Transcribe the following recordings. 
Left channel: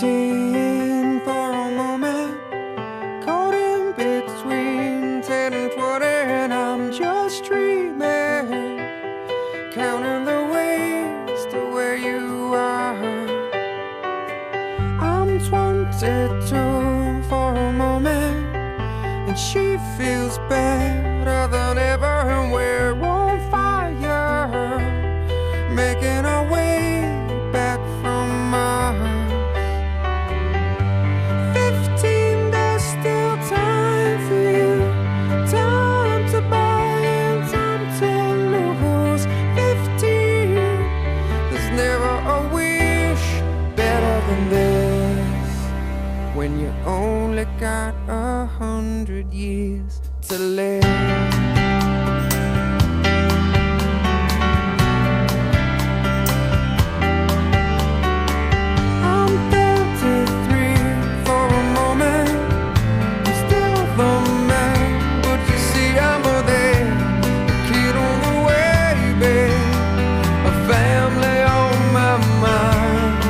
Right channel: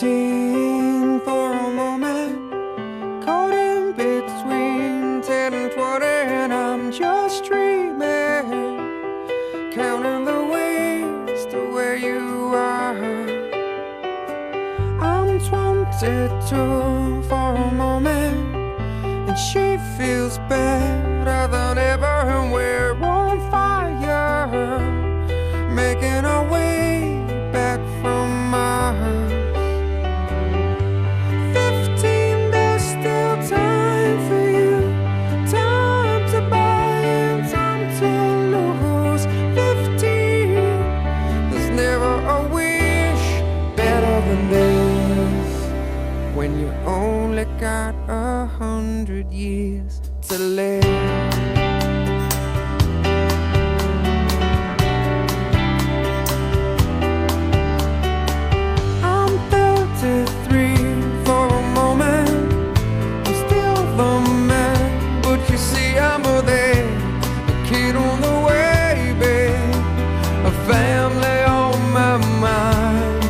15 for a moment, caught in between 10 and 20, and I'm just dreaming, counting the ways to where you are. I'm 22 for a moment, and she feels better than ever, and we're on fire, making our way back from Mars. 15, there's still time for you, time to buy and time to lose. 15, there's never a wish better than this, when you only got 100 years to live. Family on my mind.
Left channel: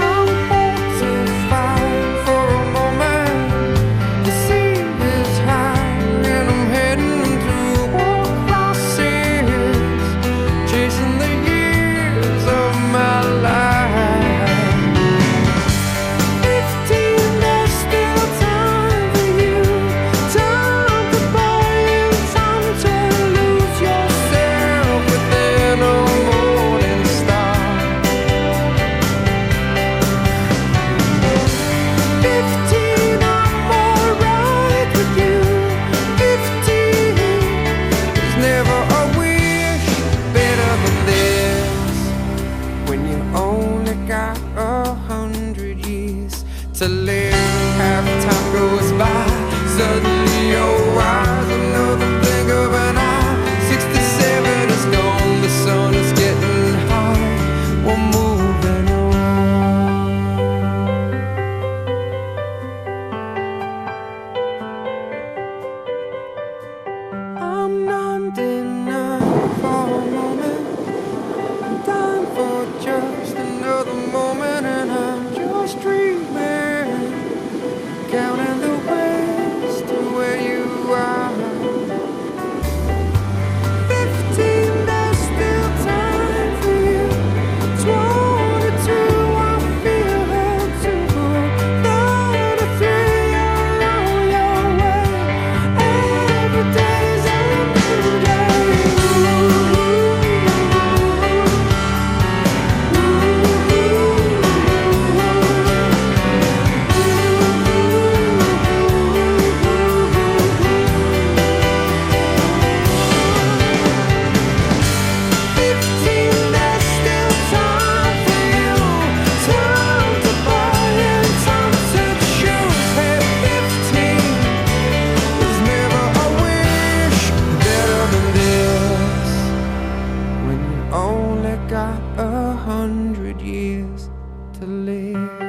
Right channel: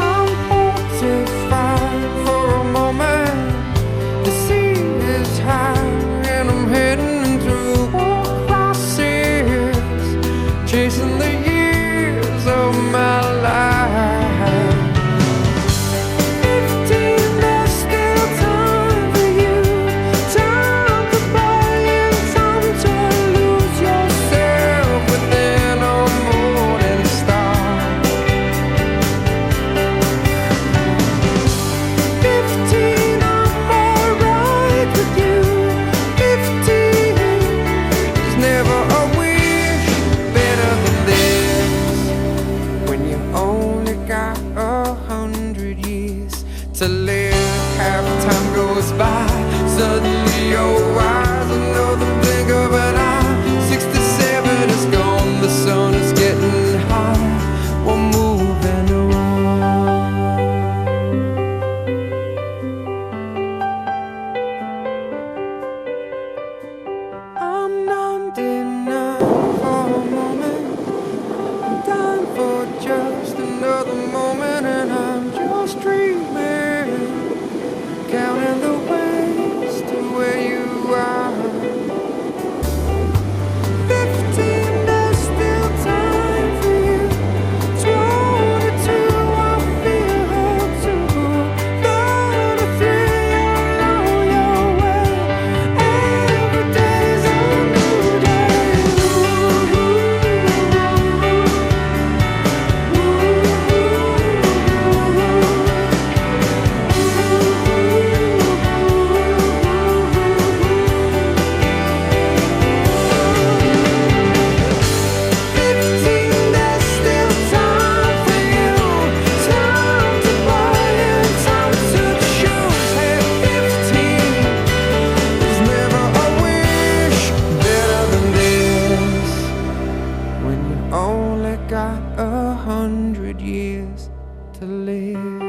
I'm 45 for a moment. The sea is high and I'm heading to a crisis, chasing the years of my life. 15, there's still time for you, time to buy and time to lose yourself within a morning star. 15, I'm alright with you. 15, there's never a wish better than this, when you only got 100 years to live. Half time goes by, suddenly you're wise, another blink of an eye. 67 is gone, the sun is getting high, we're moving on. I'm 99 for a moment, I'm dying for just another moment, and I'm just dreaming, counting the ways to where you are. 15, there's still time for you. 22, I feel held to. 33, you're on your way. Every day's a new day. Only got 100 years to live.